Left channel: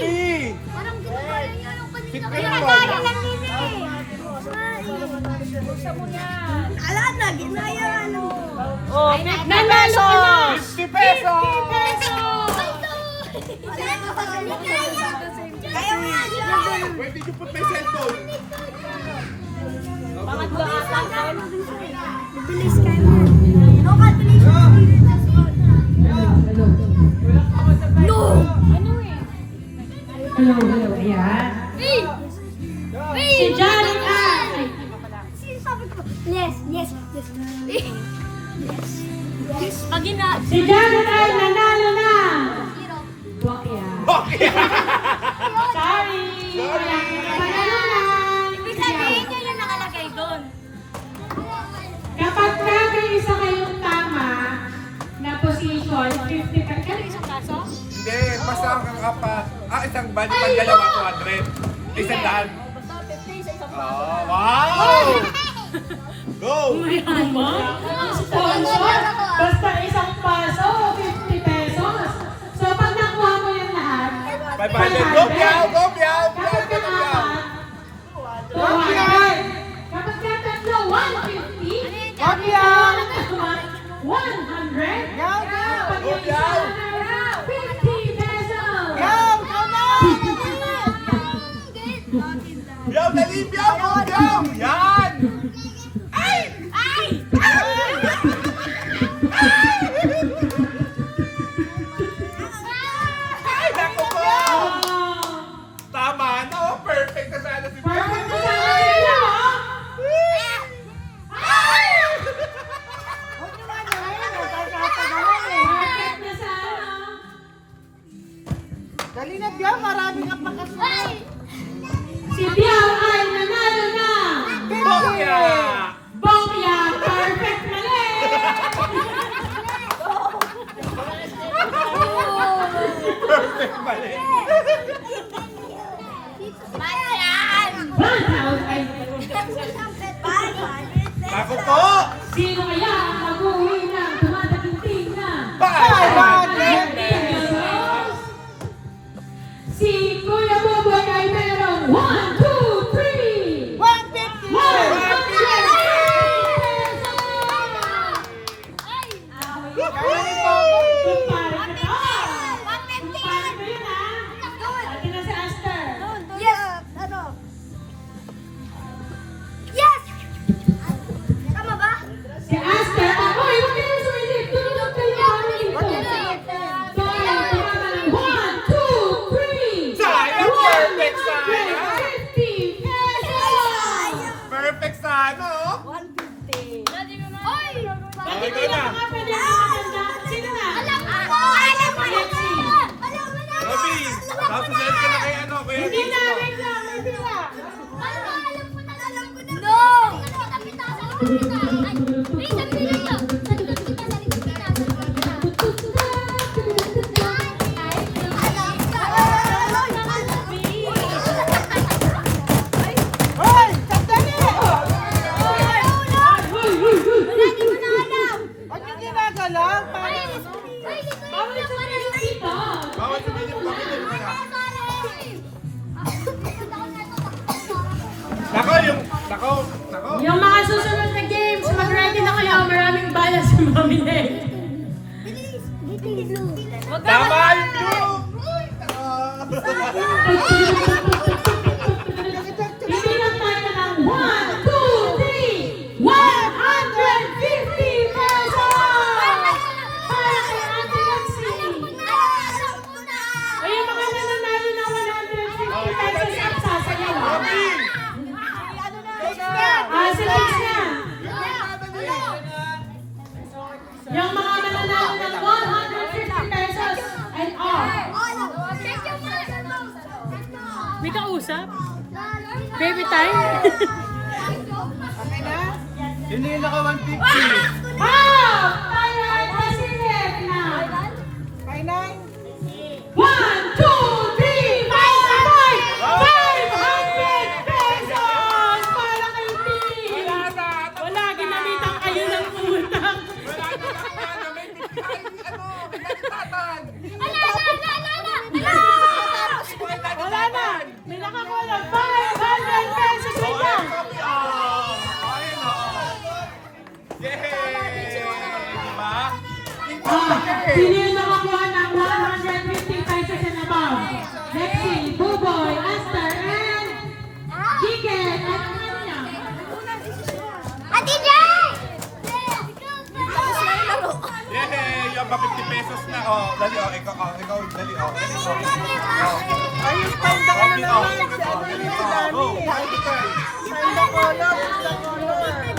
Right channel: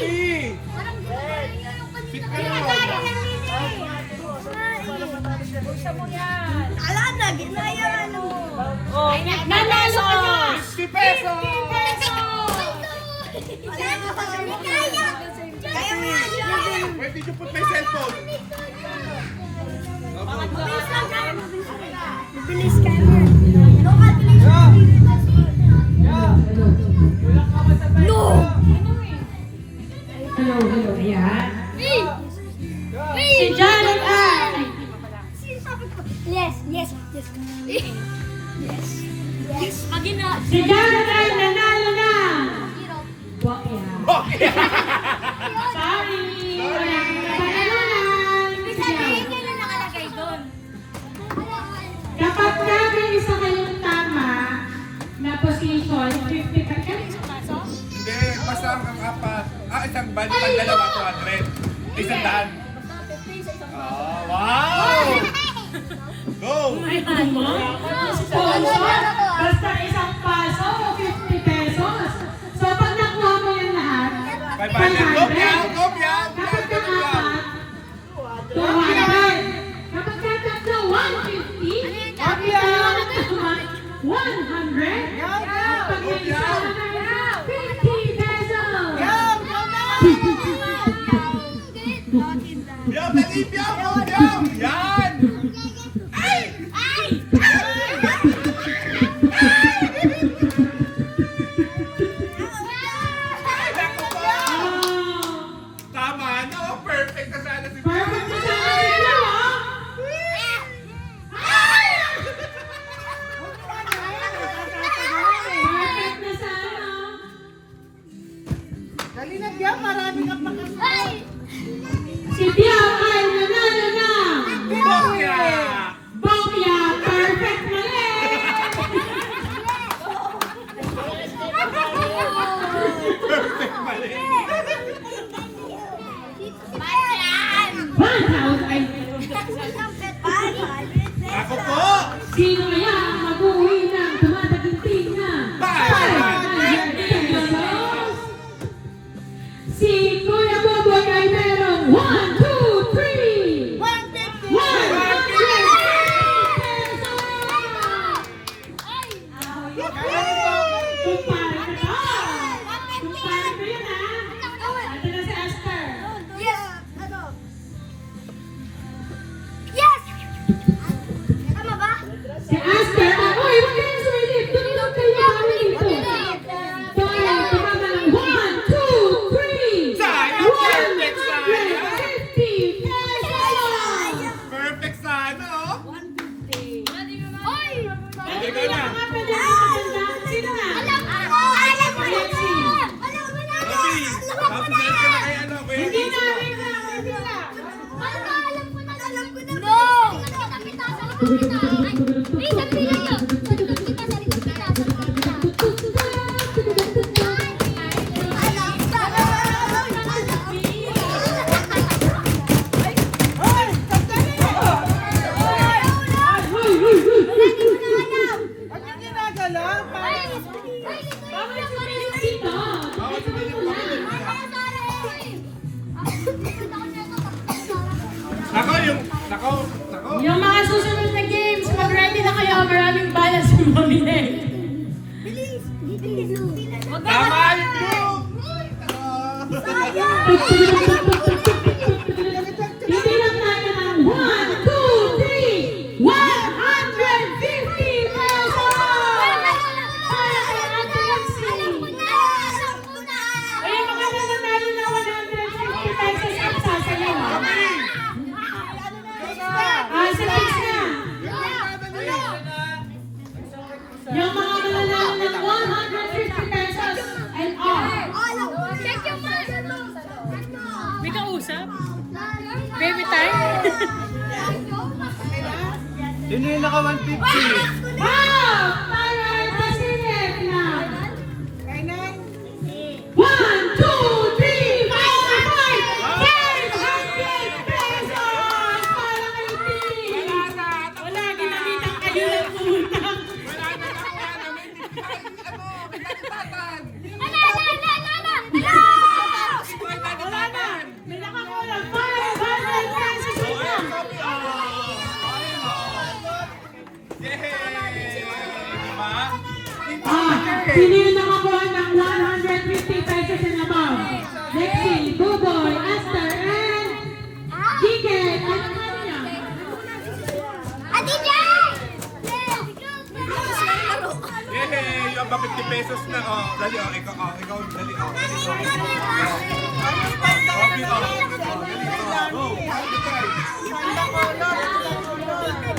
Rocky! Parang ginagawa lang yun yung kanina. Fit ka Kaya naman. parang Ala na, ginaya ka na mo. Oh, Nanalo na! 50 pesos! Kaya mo yan, John. Where did you put my cellphone? Mabilis ka na. No calculation. No! Hello, ayan. Si Janet Ann. Yes, yes, yes. Yes. Pag Si Janet Ann nanalo na. Bokya. Sorry. Ibig sabihin niya yung nakalagay doon. Kapag isa kayong tama na position, 50 ka. Kaya isang kaso? Hindi, basta ang apat. Isang bali pang dalawa, 200. Isang daan. Oh, wow! Go! Basta isang paso, 50 pesos. So pag nakuha mo yan lahat, 500. Go, Piao! Go, Piao! kapag Piao, go, Piao! apat, 200. Kapag katatlo, 150. Kapag katatlo, 100. Kapag isa, 50 pesos. Piao, dali, Piao! Go, Piao! Yan! Ay, naku po! Tama, no? Perfect na sana si Piao. Perfect na sa akin, di ba? Perfect na sa ano. Dali na, Piao, marami kang pakasunod. Si Piao ay nanalo na. Bokya! Bokya, perfect na rin. Perfect pa rin. 1,000 ay Ako po! sino kaya ang mag-uwi ng tumataginting na 500 pesos? Si Kuya Boboy ay meron 1, 2, 3! 150 pesos! Kumpare na to! Kumpare na yun ha! Ito na si Aster! Yes! Ano? Yes! Tama ba? Si Aster! Uy, huwag ka na sumilip! Tumilog kayo kami dito! So, ayan, tumama ng 1, 2, 3! Sayang, perfect sayang! 150 pesos! Perfect sana, oh! Oy! Okay na. Sino na? Alam ko na! Alam ko na! Alexi. Alam ko na! Robby, Alam ko na! tapos na kay ano, kuya Hindi na, Dito. wait lang, wait lang. Alam ko na! Alam ko na! No! Kita-kita sa likod kita! Ay! Wait, sabihin nyo! Sa likod kita! Sa likod kita! Sa likod kita! Alam ka! Ba't yung ginagalaw? Dito. Bawal sumilip kami dun. Nako! Yung mga susunod na games, mag-ready na kayo. Maraming bias yung mamili. Tama yung blue! Hindi lang tayo ng 1, 2, 3, 150 pesos! Ayun, maganda na natin na 150 pesos ang sasayaw. Si Fix na. Yung mga mananalo ng 150 pesos and all. May kausap? Baby time? Sino yung naka 150? Wow! Tayo ay pasilip na. Kainay. 1, 2, 3, 4, 5, 500 pesos! Para kay Pili! Wala, ginamitan kayo ng utang. Wala na lang ano, may tipihan, ano, kagalitan. Ala! Yay! Diba? Sino yung nakakuha ng 150 pesos and above? Lexi, Buboy, Esther, and Chicken. Ano naman niya? Ate Jay! Yay! Yung ba 50 pesos na. Oh, dali oh. Ikaw, dali oh. Dali oh. Go!